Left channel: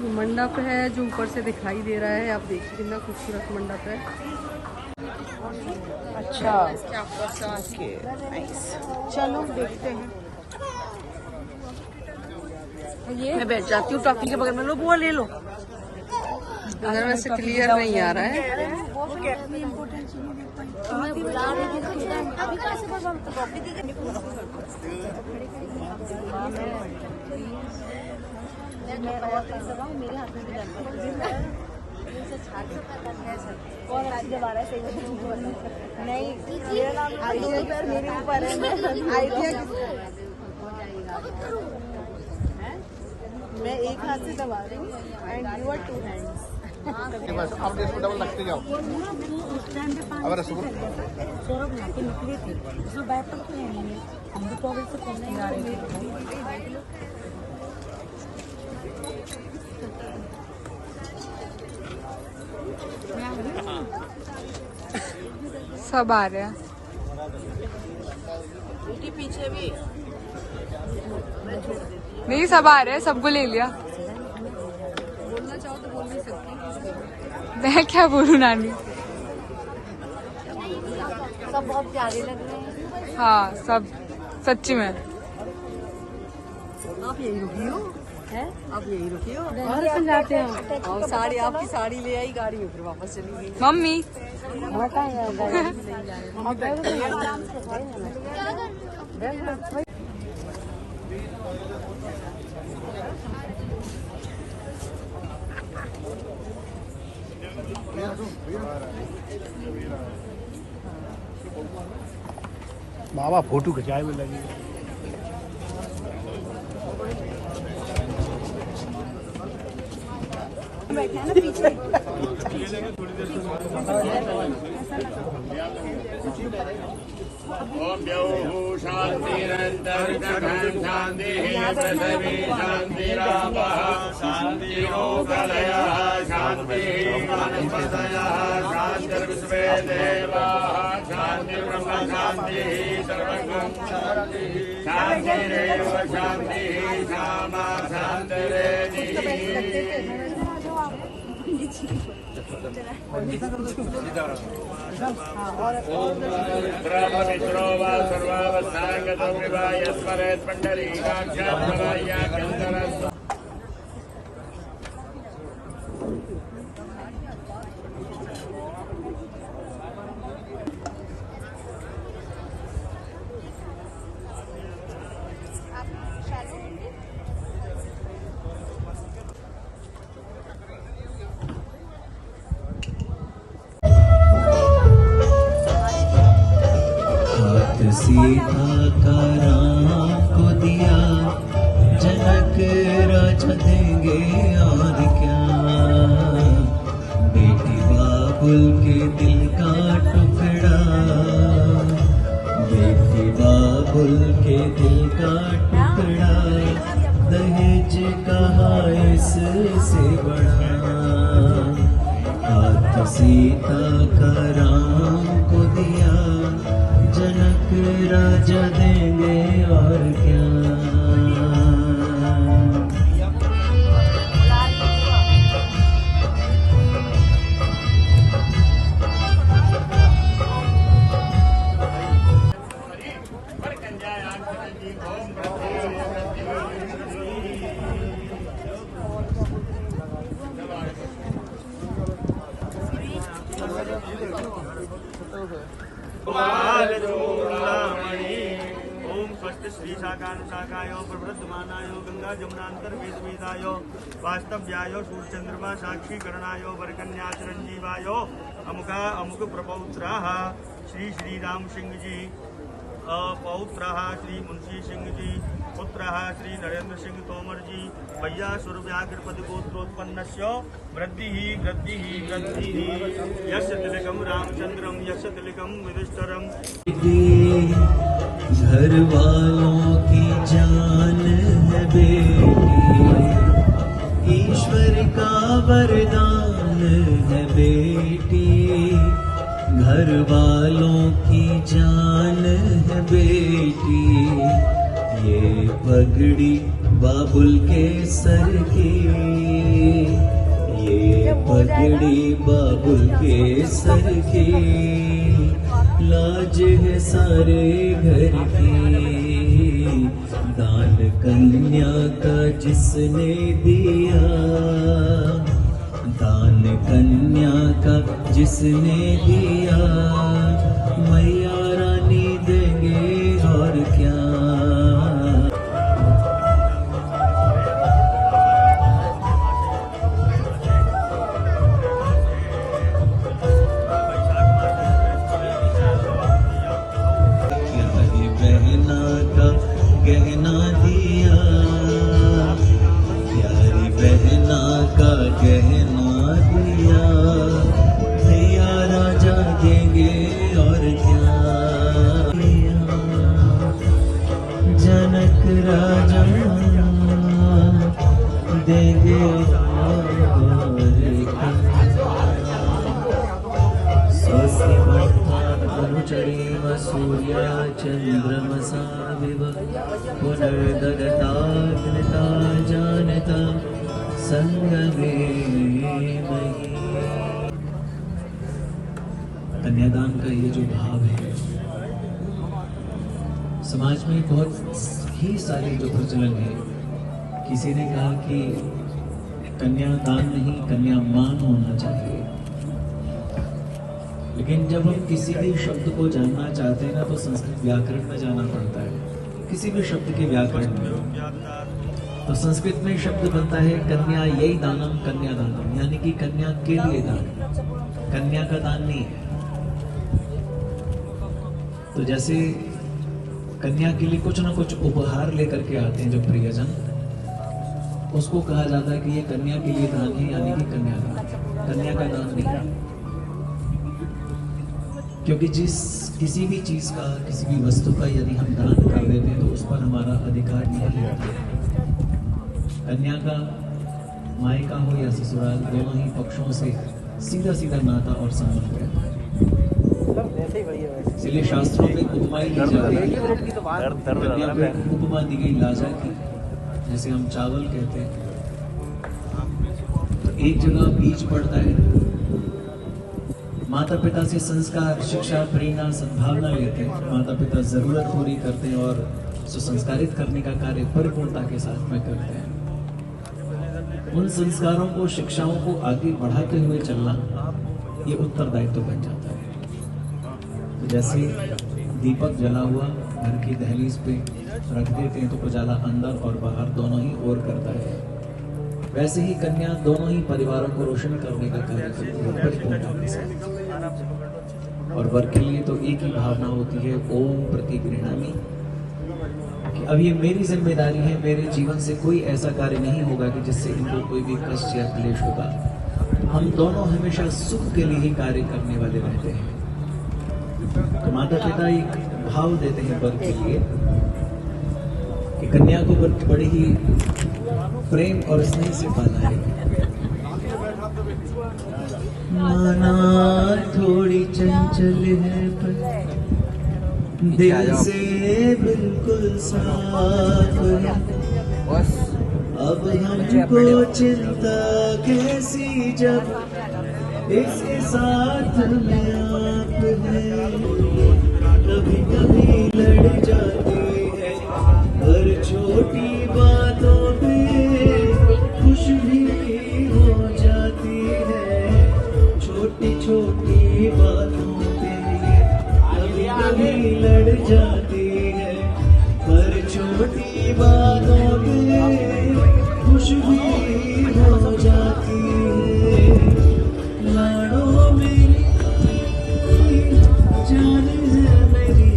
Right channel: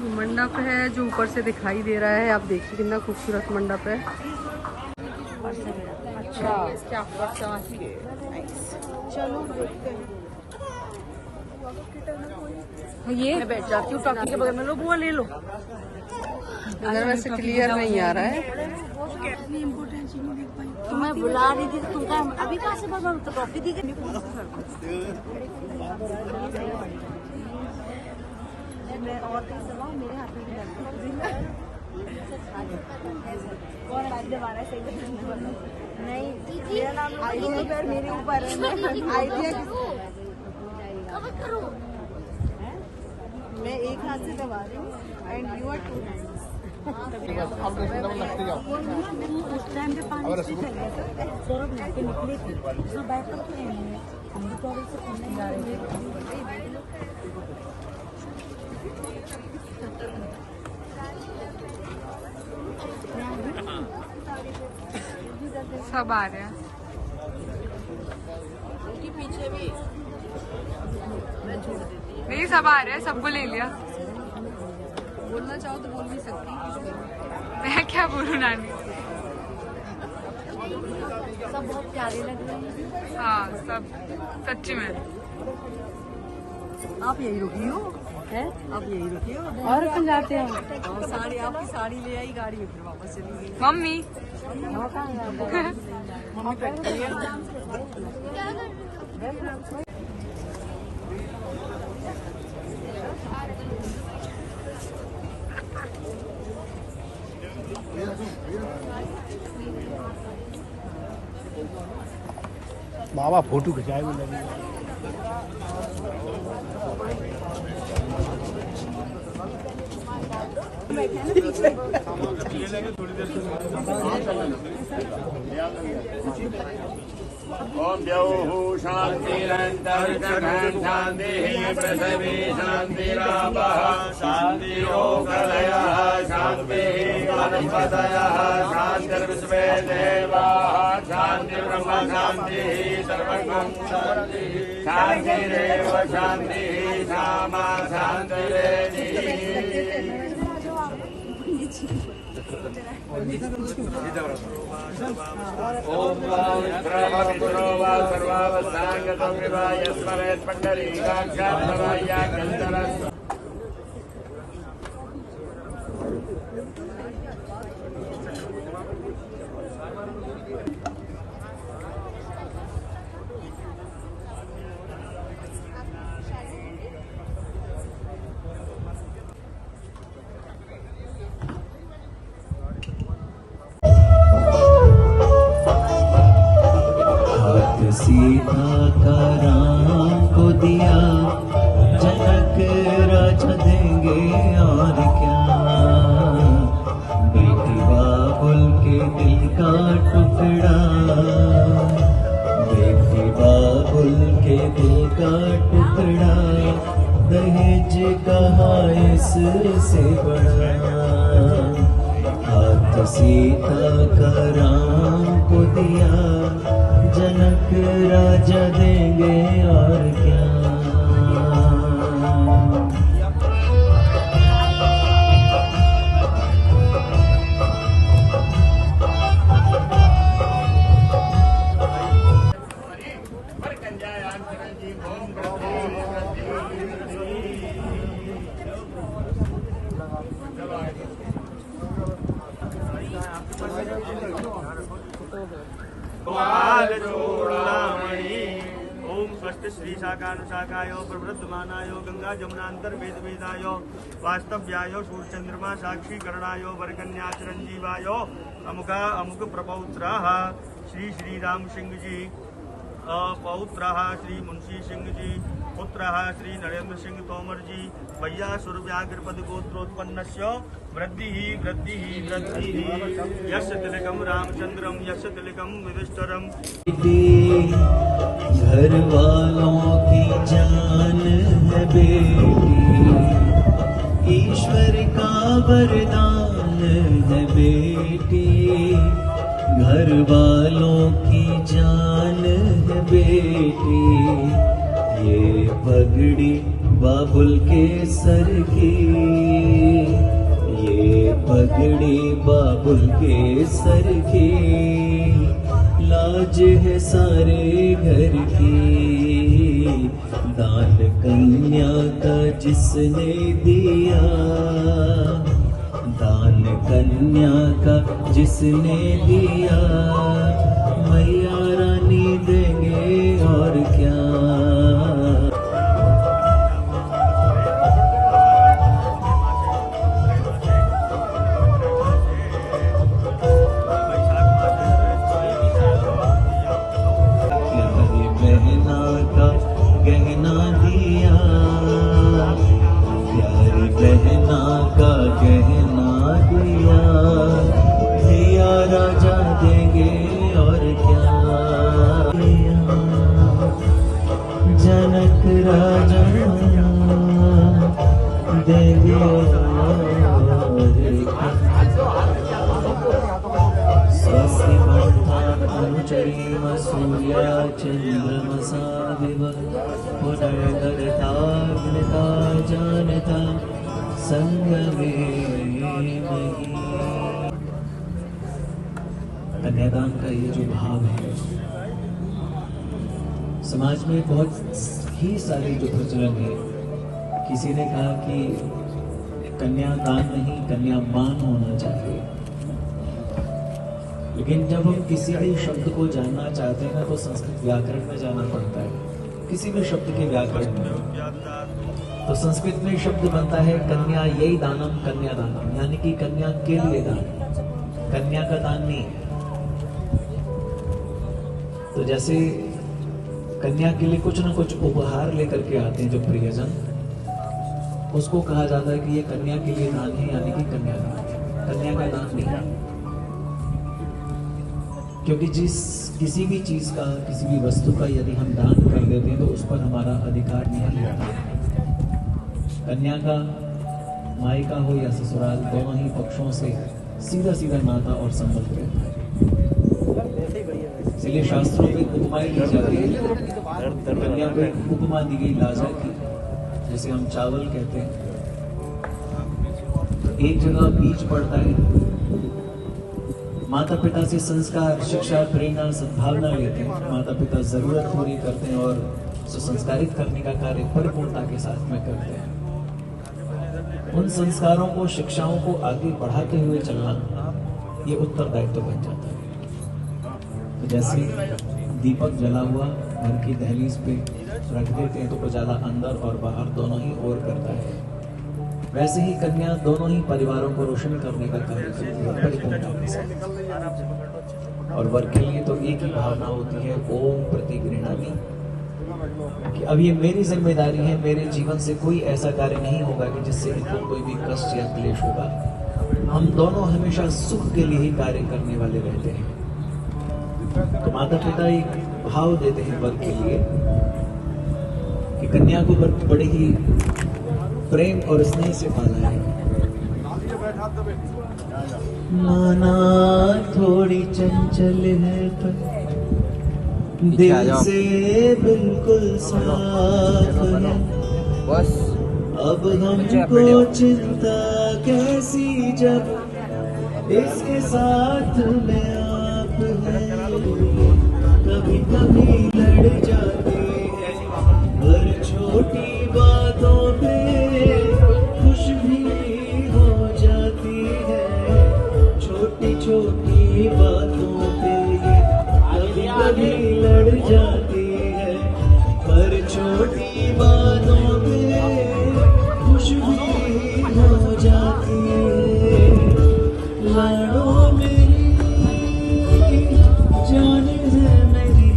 मंडप है जो ऊपर से दिखाई दे रहा है। आप देखिए कितना खूबसूरत मंडप है। अच्छा ओके नाइस, चलो देखते हैं। ये मैं बैठ जाती हूँ टॉकी के बगल में, लो बुआ ले लो। अगर वैसे क्लियर नहीं आ रहा है। मैं बुला रही थी अभी मैं और दबाऊं, मेरे हाथ में भी लगता और अच्छी दबा रहा है, सही बताऊं नहीं, मेरा नाम दोनों पैर मेरे ऊपर है। मैं एक हाथ से दबा रही हूँ and you are two hands. उस टाइम पे पानी से फैल गया था, सौरभ नहा के निकले थे, उसमें बैठकर तो नहीं, हम भी टॉवल से करने जा रहे थे। सब आ रहे हैं पीछे भी, मैं छोड़ देती हूँ। नहीं सब आ रहे हैं, सबको ले लिया। बोलना चाहो तो बोल नहीं सकती, मैं क्या बोलूँ नानी। सब बहुत प्यारे लग रहे हैं। हाँ सब सच्ची में। आप यही रुकी हो? आप यही रुकी हो और जाते हैं और साड़ी, आपकी साड़ी ले आई, गाड़ी ऊपर वापस चली गई। मम्मी मम्मी बाबा फोटो खिंचाए में लगी। ओम द्यौः शान्तिरन्तरिक्षं शान्तिः पृथिवी शान्तिरापः शान्तिरोगलयः शान्तिः वनस्पतयः शान्तिर्विश्वे देवाः शान्तिर्ब्रह्म शान्तिः सर्वं शान्तिः शान्तिरेव शान्तिः क्षमा शान्तिरेधि। ब्रह्ममित्रो वा सर्वावस्थांगतो विवाय स्मरेत् पुण्डरीकाक्षात्मरायाभ्यन्तरस्तु। सीता का राम को दिया, जनक राजा देंगे और क्या। बेटी बाबुल के दिल का टुकड़ा, बेटी बाबुल के दिल का टुकड़ा, दहेज कहा इससे बड़ा। हाथ सीता का राम को दिया, जनक राजा देंगे और क्या। ओम स्वस्ति श्री शाखानुशाखायो प्रवृद्धमानायो गंगा जमुनांतर वेद वेदायो वास्तव्यायो सूर्यचंद्रमा साक्षी करणायो वरकन्या चिरंजीवायो अमुका अमुक प्रपौत्राः श्री श्री राम सिंह जी, पौत्राः श्री मुंशी सिंह जी, पुत्राः श्री नरेंद्र सिंह तोमर जी, भैया सुरव्याघ्रपद गोत्रोत्पन्नस्य वृद्धिः वृद्धिः वृद्धिः। यस्य तिलकं रामचंद्रम यस्य तिलकं युधिष्ठिरम्। घर वालों की जान है बेटी, ईश्वर का वरदान है बेटी। घर वालों की जान है बेटी, ये पगड़ी बाबुल के सर की, ये पगड़ी बाबुल के सर की, लाज है सारे घर की, दान कन्या का जिसने दिया, दान कन्या का जिसने दिया, मैया रानी देंगे और क्या। बहना का गहना दिया, प्यारी बहना का गहना दिया, दिया राजा देंगे और क्या। जनक राजा देंगे सूर्या चंद्रमसा पुनर्गता जानता संग में। कन्यादान का ये जो भाव है, समाज में बहुत ही सारे जो प्रचलन है। किसी ने कहा कि कन्यादान नहीं कन्यामान होना चाहिए, लेकिन जब हम किसी भी शब्द को जानना चाहते हैं ना, तो संस्कृत व्याकरण में जाना पड़ता है। किसी भी शब्द के व्याकरण में तो संस्कृत में शब्द बनता है कन्या ये दानम कन्यादानम, यानी कि कन्या के लिए दान, कन्या का दान नहीं है। तो जैसे कन्या के लिए कुछ ना कुछ उपहार लेकर के आते हैं जो प्रियजन, उसको कहा जाता है कि ये कन्या के लिए दान है, यानी कि कन्यादान, कन्या का दान नहीं है। क्योंकि किसी भी चीज का, किसी भी वस्तु का यदि हम दान कर देते हैं तो उस पर हमारा अधिकार नहीं रहता। कन्या का मायका हो या ससुराल, दोनों ही पक्षों से सीधा सीधा नाता और संबंध रहता है। इसलिए शास्त्रों में उपमा दी गई, उपमा दी गई लाजा की। जैसे हम चावल कहते हैं, एक जगह बीज पड़ता है, माता पिता से संस्कार, शिक्षा, प्रेरणा, सद्भावना लेते हैं, माता पिता जरूरत पूरी करते हैं और सुसंस्कारित करने का कार्य परिपूर्णता के साथ में करते हैं। उन संस्कारों को, शिक्षाओं को आगे बढ़ाते हुए चलना ये उत्तरदायित्व बन जाता है। तो जैसे दीपक जला हुआ घर की दहलीज पे रख देते हैं तो उजाला अंदर और बाहर दोनों ही ओर करता है, वैसे ही कन्या दोनों ही परिवारों को रोशन करने का कार्य करती है। और वर के लिए तो एक ही भावना होती है, ओम प्रति गृह्णामि, कि अब ये मेरी जिम्मेदारी है, मेरे जीवन से कोई ऐसा कार्य नहीं होगा कि जिससे इनको कोई भी कष्ट या क्लेश होगा। हम दोनों हमेशा सुख के लिए ही कार्य करने वाले रहते हैं। माता पिता एक भाव देते हैं वर के लिए कि कन्या को बड़े ही प्रेम और स्नेह से पाला है। माना थोड़ी चंचल है पर दिल से बिल्कुल साफ है, अब हमको चिंता कैसी जब इसके साथ में आप हैं। कभी कभी लड़ जाते हैं हर छोटी बातों पे, खुश भी हो जाती है छोटी छोटी बातों पे, कभी कभी लड़ जाती है हर छोटी बातों पे, खुश भी हो जाती है। लाड़ों में जान है मेरी,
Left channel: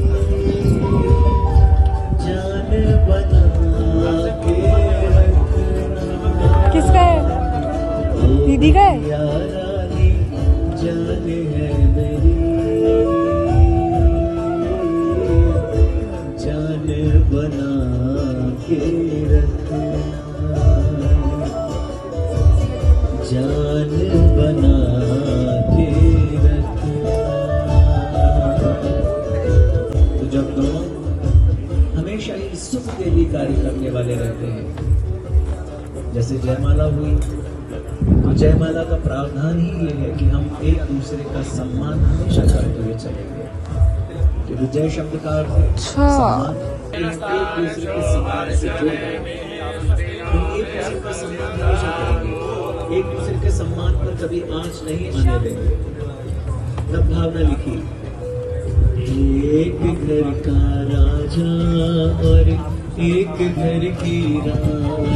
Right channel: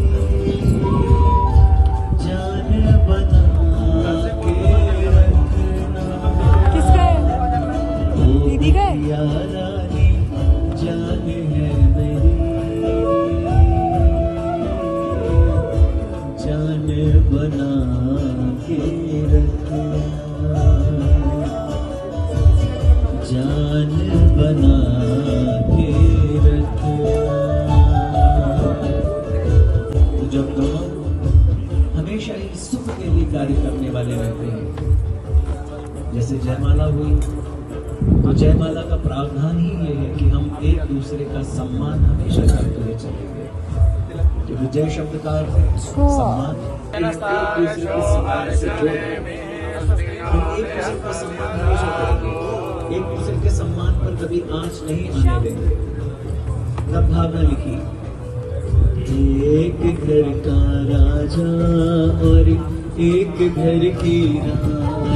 जान बना के रखना। किसका है? दीदी का है? जान है मेरी, जान बना के रखना, जान बना के रखना। तो जब दोनों हमेशा इस सुख के लिए कार्य करने वाले रहते हैं जैसे जयमाला हुई तो जयमाला का प्रावधान ही ये है कि हम एक दूसरे का सम्मान हमेशा करते हुए चलेंगे। क्योंकि जय शब्द का अर्थ है सम्मान, एक दूसरे के सम्मान से जुड़े हम एक दूसरे का सम्मान हमेशा करेंगे, एक दूसरे के सम्मान पर कभी आंच नहीं आने देंगे। तब भावना लिखी, एक घर का राजा और एक घर की रानी,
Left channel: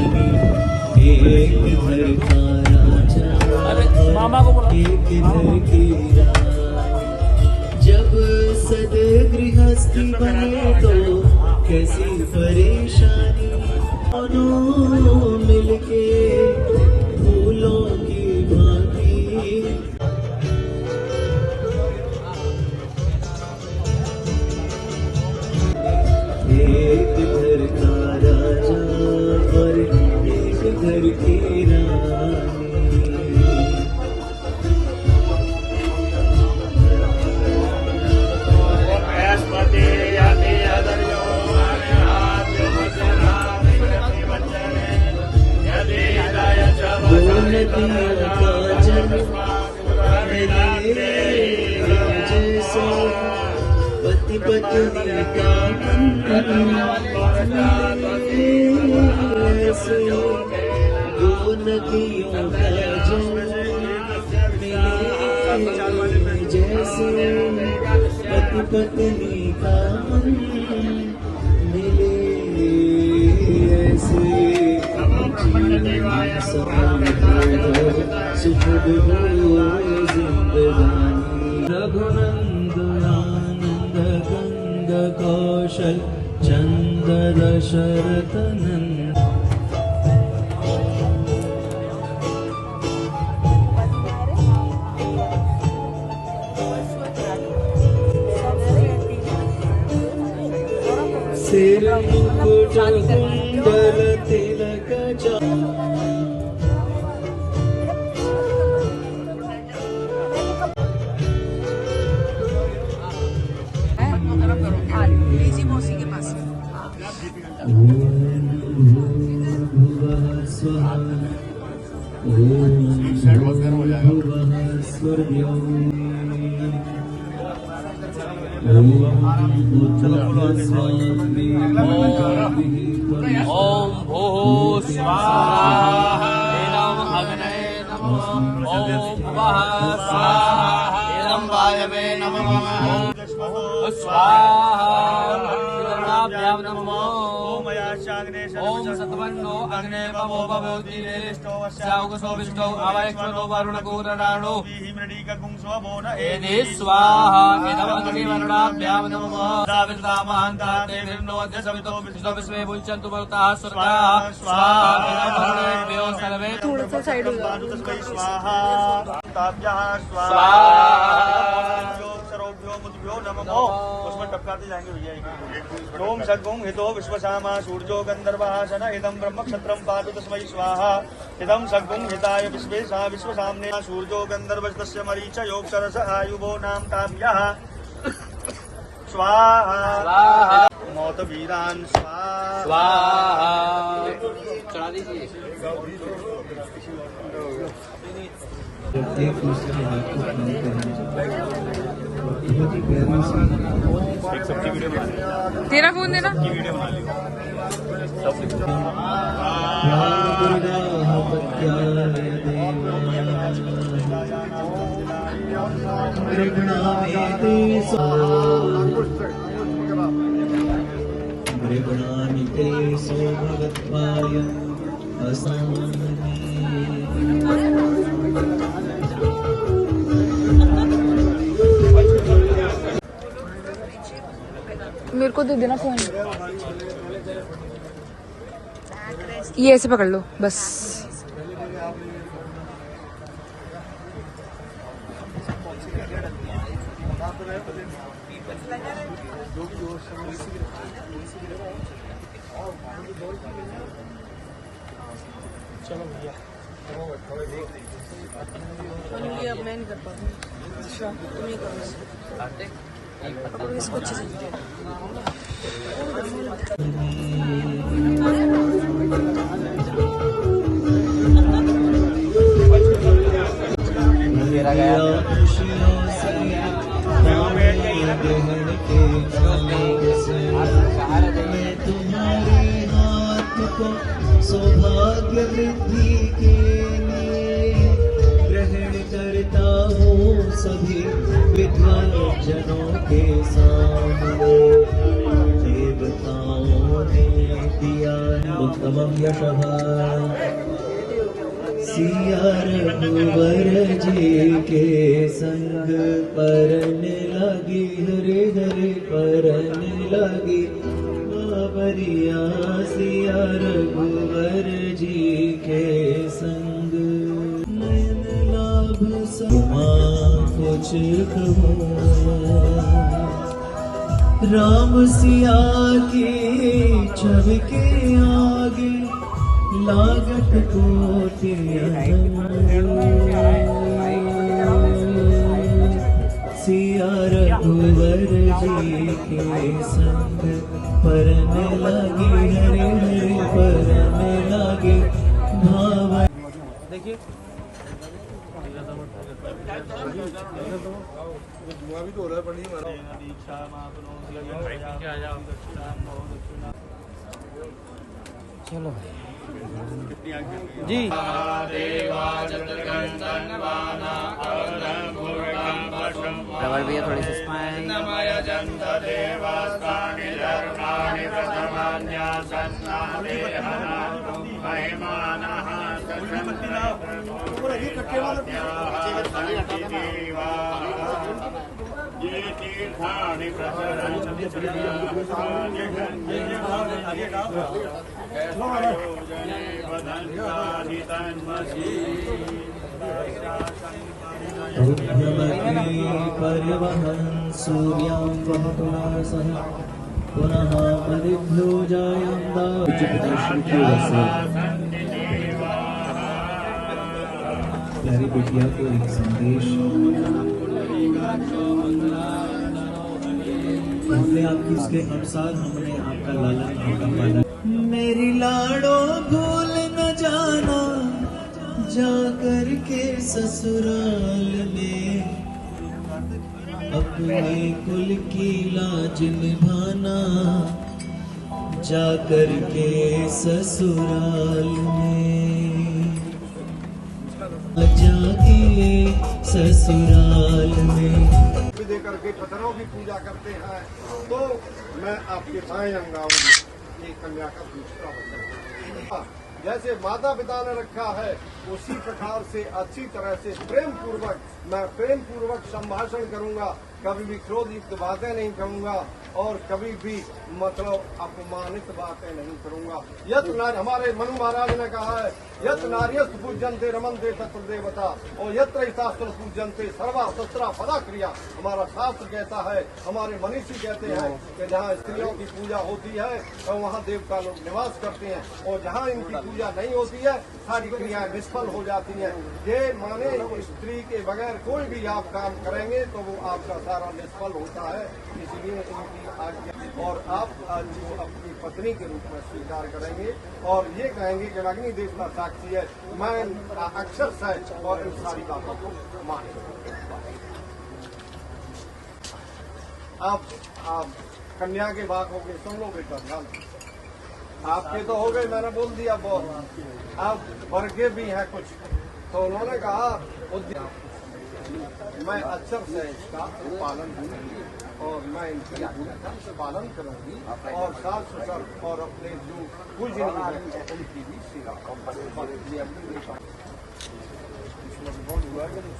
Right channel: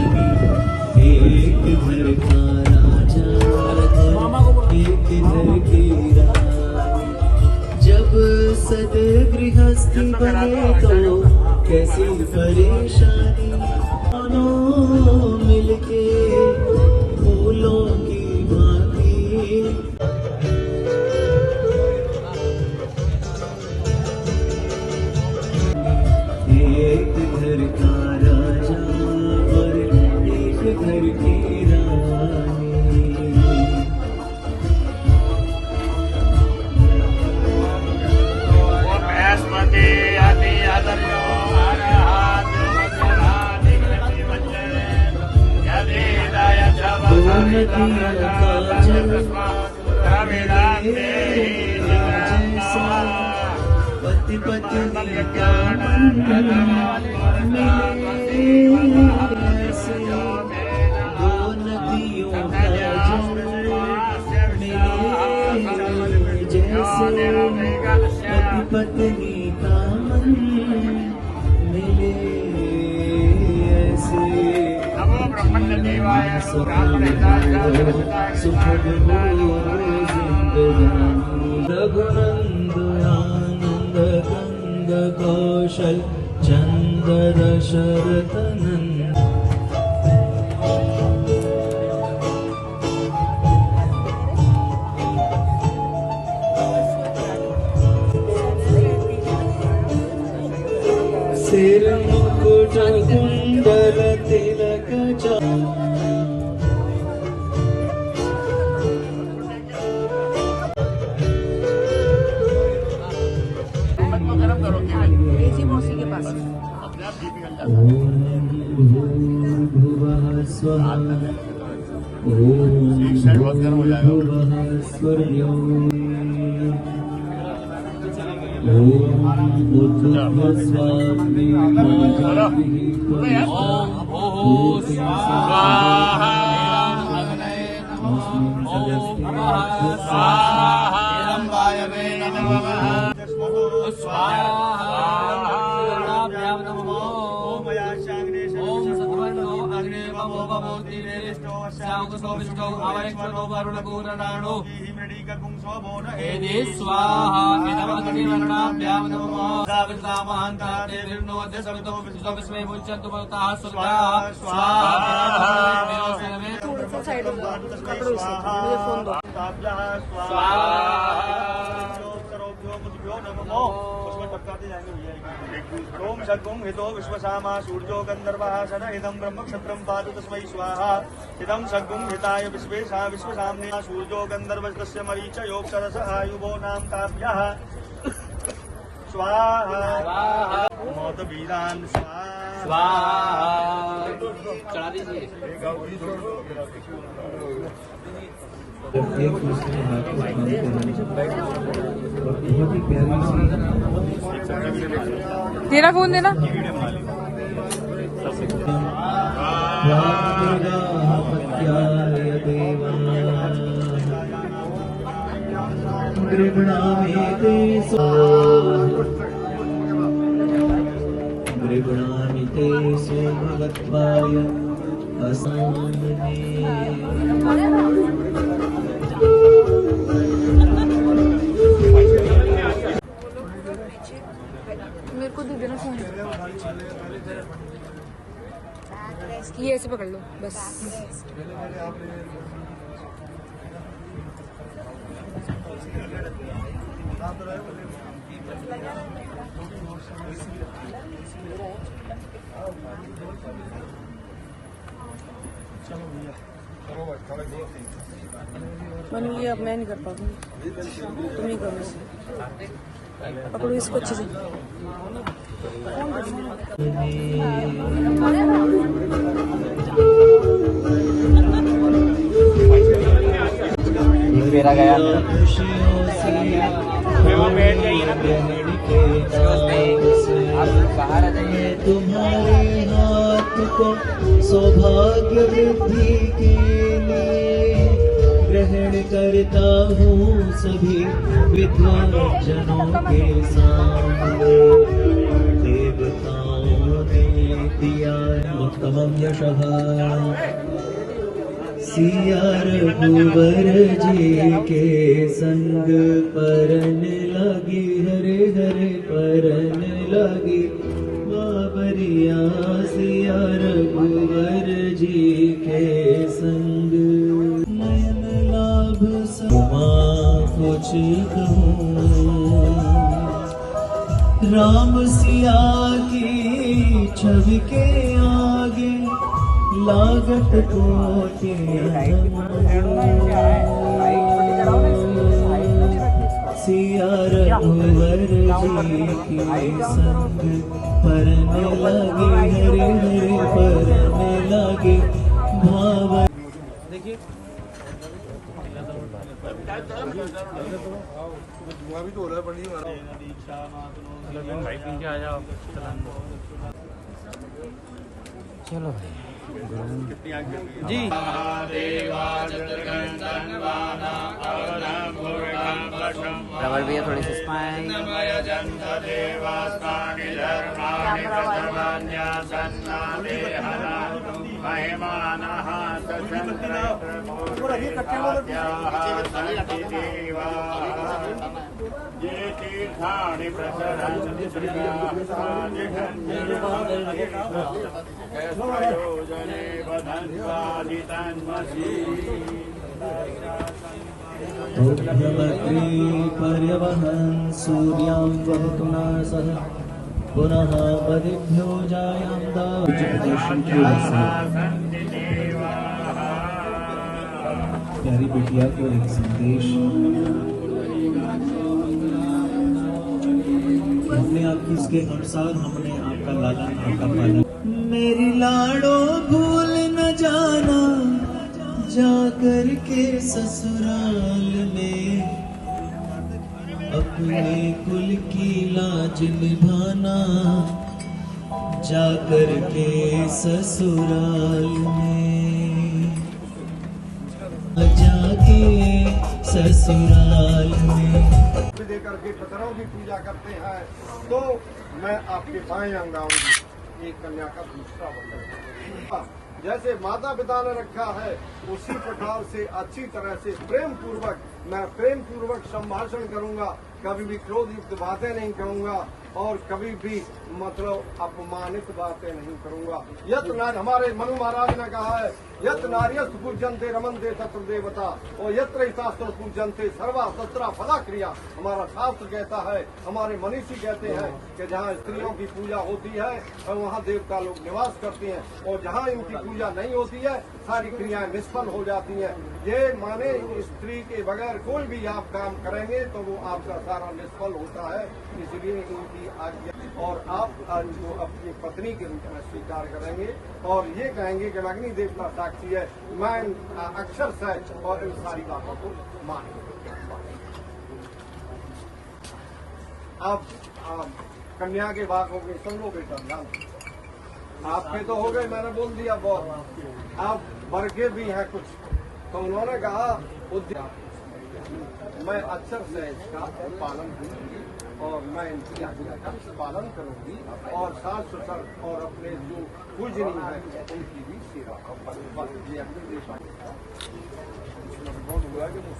एक घर का राजा और एक घर की रानी। जब सद गृहस्थी बने तो कैसी परेशानी, दोनों मिलके फूलों की भांति। एक घर का राजा और एक घर की रानी। पति पत्नी का दो नदियों का जैसे पति पत्नी का मन मिले ऐसे सुखद हो जिंदगानी। रघुनंद आनंद गंग कौशल चंद दशरथ नंद। सिर मुकुट कुंडल तिलक भुवः स्वः भुवः स्वर्ग्यो ओम सतवन्नो अग्ने पवो भवति नेरिष्टो वस्यावकुसो विष्टो आवैक्ष्वतो वरुणकूरराणो हिमृडीकपुंसवोन एदे स्वाहा इदमग्निमरुणाभ्यां नमः दाविदा महान्ता देवीर्नो अद्य सवितो विश्वे भुज्यन्तु भवताः सर्वाः स्वाहा भवन्तो सर्वे स्वाहा ताभ्यः स्वाहा सरोभ्यो मुद्भ्यो नमो। उसमें टपकाते जाएंगे भैया। ओम सर्वं हितो विश्वसामा सूर्यो गंधर्वासन इदं ब्रह्म क्षत्रं पातु तस्मै स्वाहा। इदं सर्वं हिताय विश्वेशा विश्वसाम्ने सूर्यो गंधर्वस्य मरीच योगसरस आयुगो नाम ताभ्यः स्वाहा। मौत वीरां स्वाहा। चढ़ा दीजिए। एक दूसरे बहुत ही प्यारी सी तेरा फोन देना। गृगणामिते सो भगत्वाय मेरे को दे देना फोन। ये ऐसे पकड़ लो बस। चलो भैया ये अपना नहीं कर पाऊंगी, तुम ही करो इसको अच्छे से। भाग्य वृद्धि के लिए ग्रहण करता हूँ सभी विद्वानजनों के सामने। देवताओं ने दिया उत्तम यशः, सिया रघुवर जी के संग परने लगी, हरे हरे परने लगी बाबरिया। सिया रघुवर जी के संग नयन लाभ समा कुछ कहूँ, राम सिया की छवि के आगे लागत कोटे। सिया रघुवर जी के संग परने लगे, हरे हरे परने लगे भाव। देखिए भी तो हो रहा है पंडित चलो जी। रबर भैया थोड़ी सी स्माइल। ये तीर्थानि प्रचरन्ति प्रयोजने वदन्तादि तन्मसि। पर्यवहन् सूर्यं सह पुनः पदिभ्यो जायन्ता। प्यारी बिटिया को एक संदेश हमने आपकी इसके अनुसार हमने आपका लाला। मेरी लाड़ो भूल न जाना जाकर के ससुराल में, अपने कुल की लाज निभाना जाकर के ससुराल में, जाके ससुराल में। दे करके पत्थरों की पूजा करते हैं तो मैं आपके साएं अंगाऊंगी। ये कन्या का दूसरा वचन है। जैसे माता पिता ने रखा है उसी प्रकार से अच्छी तरह से प्रेम पूर्वक मैं प्रेम पूर्वक संभाषण करूंगा, कभी भी क्रोधित बातें नहीं करूंगा और कभी भी मतलब अपमानित बातें नहीं करूंगा। यत नारी, हमारे मनु महाराज ने कहा है, यत नार्यस्त पूजनते रमनते तत्र देवता और यत्र शास्त्र पूजनते सर्वा शस्त्रा फला क्रिया। हमारा शास्त्र कहता है, हमारे मनीषी कहते हैं कि जहाँ स्त्रियों की पूजा होती है और वहाँ देवता लोग निवास करते हैं, और जहाँ इनकी पूजा नहीं होती है सारी क्रियाएं निष्फल हो जाती हैं। ये माने स्त्री के बगैर कोई भी आप काम करेंगे तो वो आपका सारा निष्फल होता है। इसलिए इनकी आज्ञा और आप इनको अपनी पत्नी के रूप में स्वीकार करेंगे और ये कहेंगे कि अग्नि देवता साक्षी है, मैं अक्षर से और इन सारी बातों को मान। आप कन्या के बात हो गए, सुन लो बेटा ध्यान। आपके तो हो गए, मैंने बोल दिया बहुत। आप वर्गे भी हैं कुछ, तो उन्होंने कहा मैं अक्षर से इसका पालन करूंगी और मैं इनकी आज्ञा का पालन करूंगी और सास ससुर और अपने जो पूजनीय है उनकी भी सेवा करूंगी। इसमें बहुत हुआ कि नहीं?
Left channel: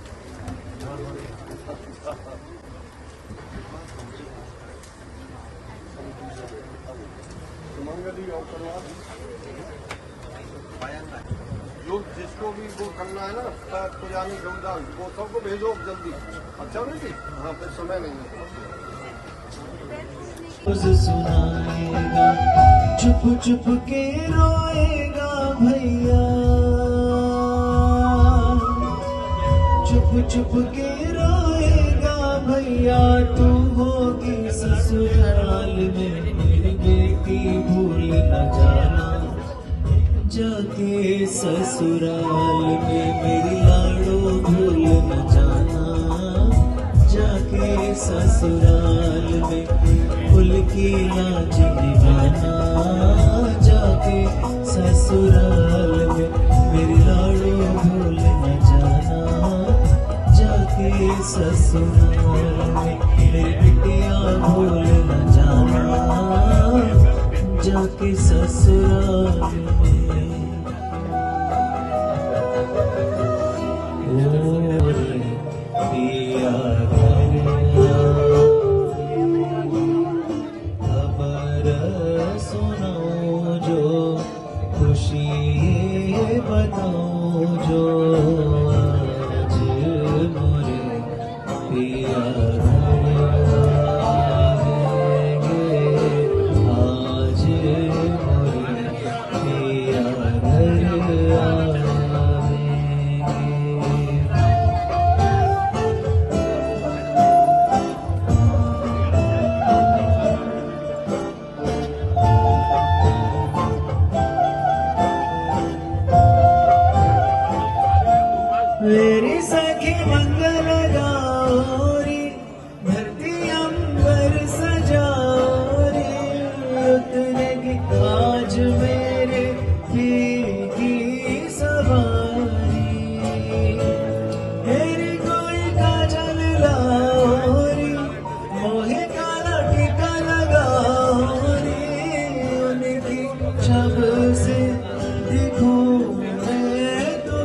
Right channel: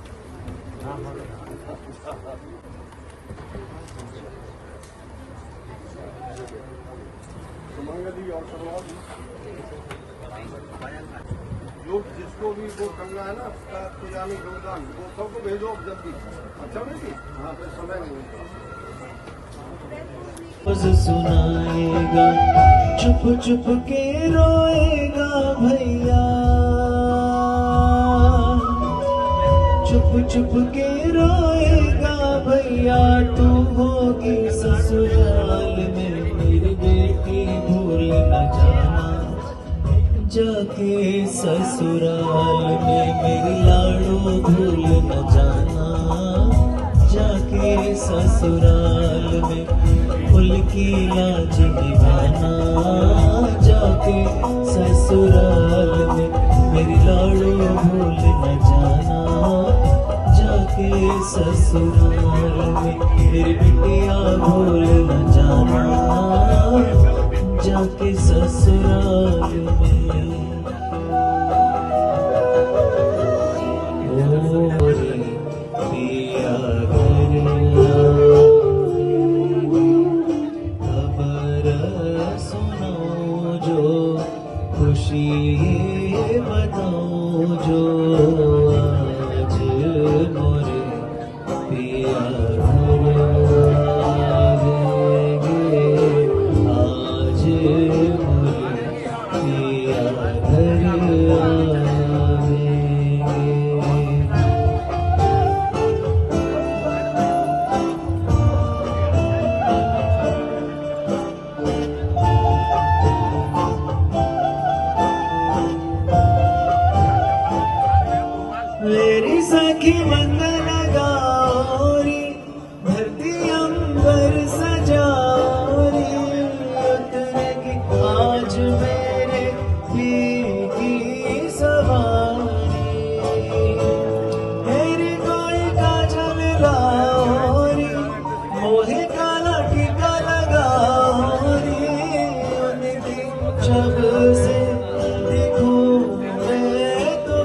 सुमंगली और करवा जो जिसको भी वो करना है ना पुजानी योगदान वो सबको भेजो जल्दी। अच्छा नहीं, वहाँ पे समय नहीं है। सुनाएगा चुप चुप के रोएगा भैया, चुप चुप के रोएगा भैया। तू होगी ससुराल में मेरी बेटी भूल न जाना, जाके ससुराल में मेरी लाड़ो भूल न जाना, जाके ससुराल में फूल की लाज निभाना, जाके ससुराल ससुराल मेरे बिटिया भूल न जाना जाके ससुराल मेरी सखी मंगल गौरी धरती अंबर सजारी उतने की आज मेरे पीर की सवारी मेरी कोई काजल लाओरी मोहे काला टीका लगाओरी जब से दिखूं मैं तो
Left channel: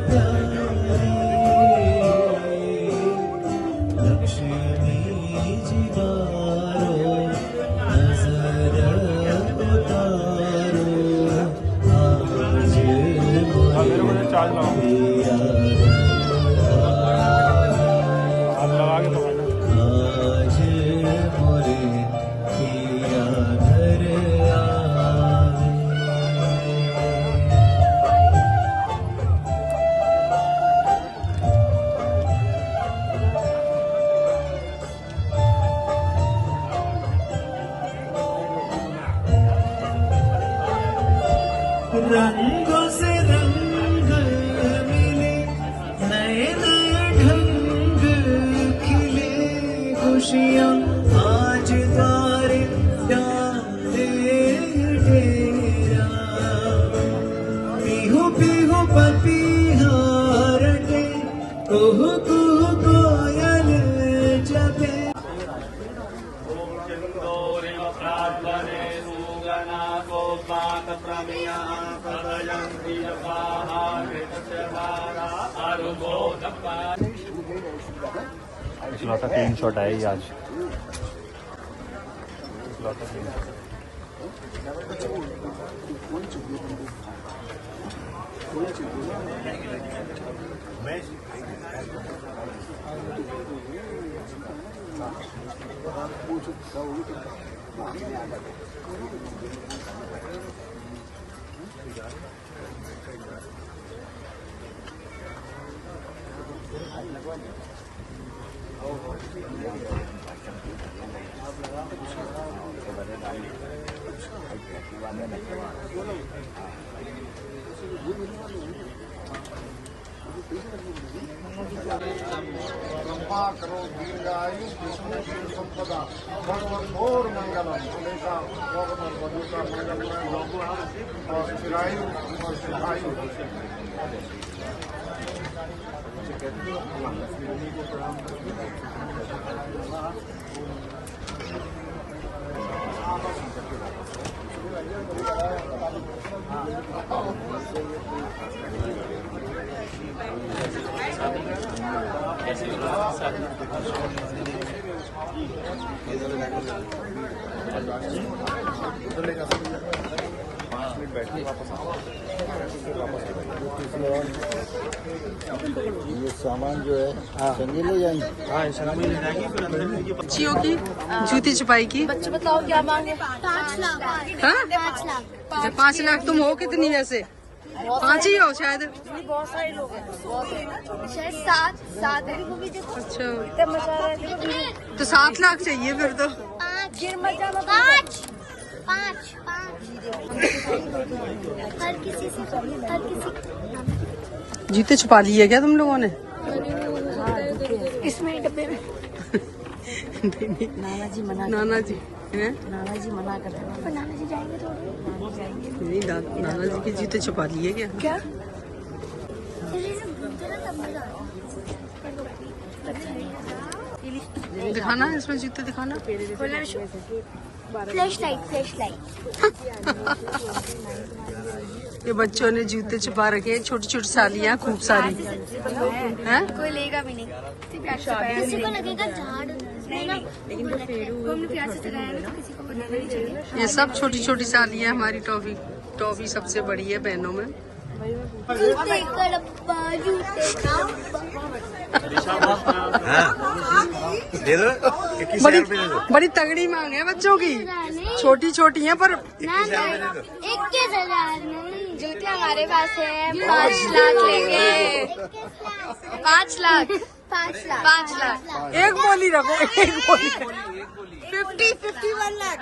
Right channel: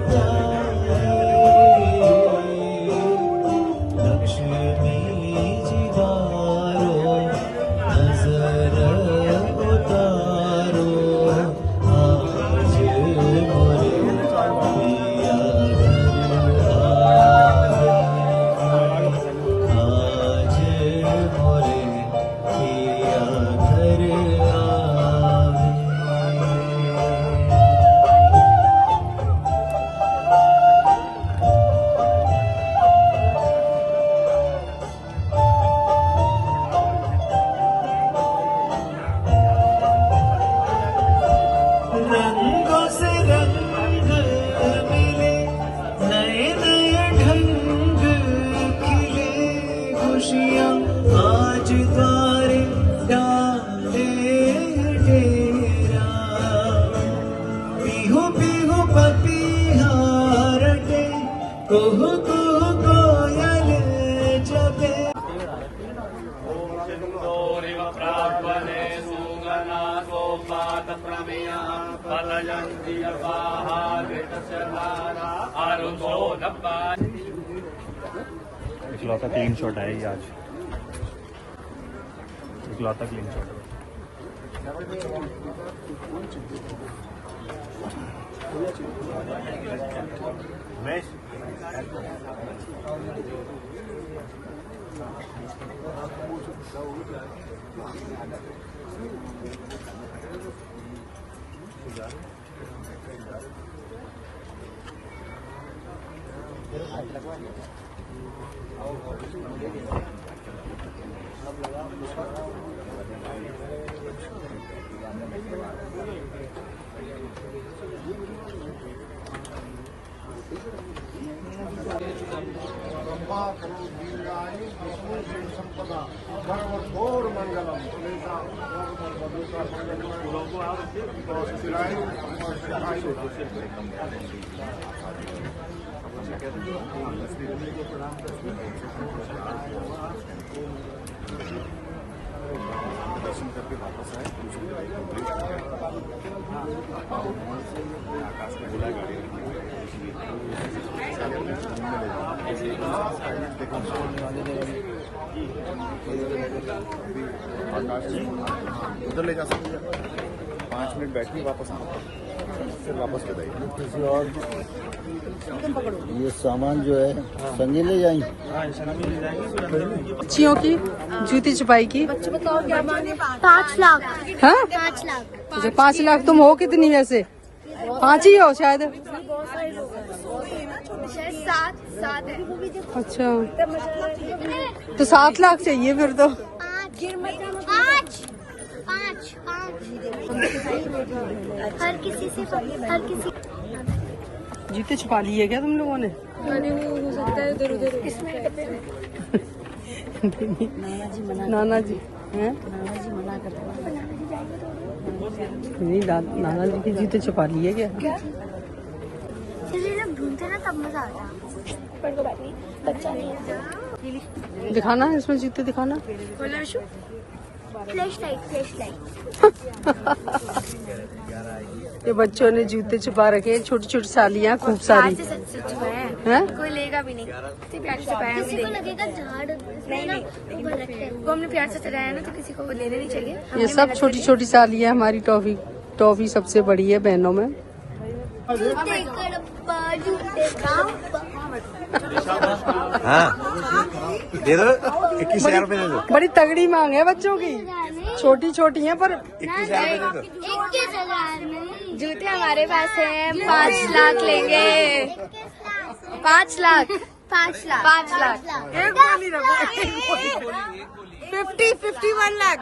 रंगों से रंग मिले नए नए ढंग खिले खुशियाँ आज तारे डाले डेरा पीहू पीहू पपीहार के कुहू कुहू कोयल जपे इकलौता 300 आएगी आज इकलौता 300 लंबा करो दीर्घायु विष्णु शिव संपदा सर्वोर मंगलम हमेशा वधु का मंगलमय और चिरायु और चिरायु ये सामान जो है संगी ले जाएंगे। बच्चियों की जूती छुपाई की बच्चे बताओ क्या मांगे? 5 लाख। हाँ 5 लाख। 5 लाख। तुम हो कितनी वैसे? 5 ही हो शायद। अच्छा तो 7 लाख चाहिए फिर तो। 5 हर किसी से हर किसी। जूते छुपा लिए क्या तुम लोगों ने? इसमें डब्बे में। नाना जी हैं? नाना जी मना करते हैं। नहीं नाना जी के जूते छुपा लिए क्या? एक्चुअली जब घूमते ना तब मजा आता है। बच्चा दिखाना इसमें जूते दिखाना। फ्लैश लाइट ये बच्चों ने जूते छुपा रखे हैं, छोटी छोटी सालियाँ खूब सारी हैं। कोई लेगा भी नहीं, प्यार से पाया किसी को लगेगा झाड़ नहीं वो हमने प्यार से चलाया ना, तो किसी को लेना नहीं चाहिए। ये सब छोटी छोटी सालियाँ हमारी टॉफी। टॉफी सबसे बड़ी है बहनों में। जूते का डब्बा, जूते का बड़ी बड़ी तगड़ी मांग है बच्चों की। छोटी छोटी है पर 21,000 नहीं। जूते हमारे पास है, 5 लाख लेंगे। 5 लाख। एक बोली रखो, एक बोली। 51 lakh.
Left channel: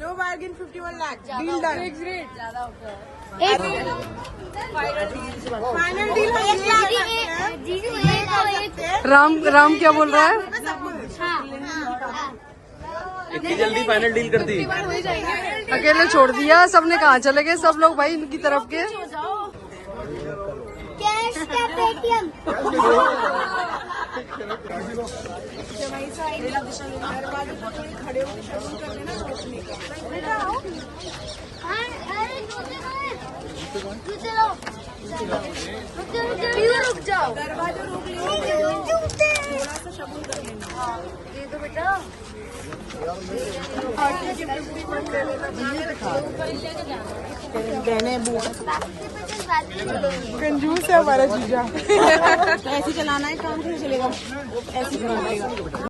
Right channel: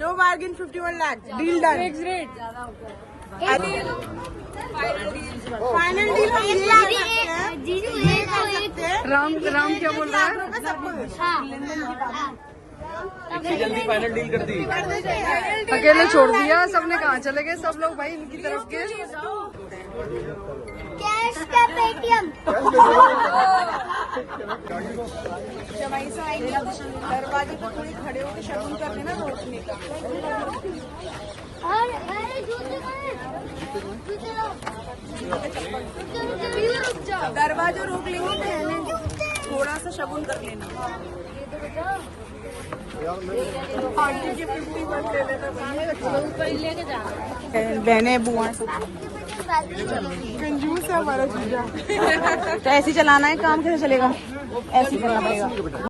No bargain 51 lakh. Deal done. Final deal हम ये कर सकते हैं। राम क्या बोल रहा है? जल्दी फाइनल डील कर दी। अकेले छोड़ दिया, सबने कहाँ चले गए सब लोग भाई इनकी तरफ के। कैश का पेटीएम। दरवाजे पर थोड़ी खड़े होकर शगुन कर देना रोशनी का। अरे जूते दरवाजा रोक लेंगे, थोड़ा सा शगुन कर लेना। बहने बुआ कंजूस है हमारा जीजा। ऐसे चलाना है काम, कैसे चलेगा? ऐसे करना पड़ेगा।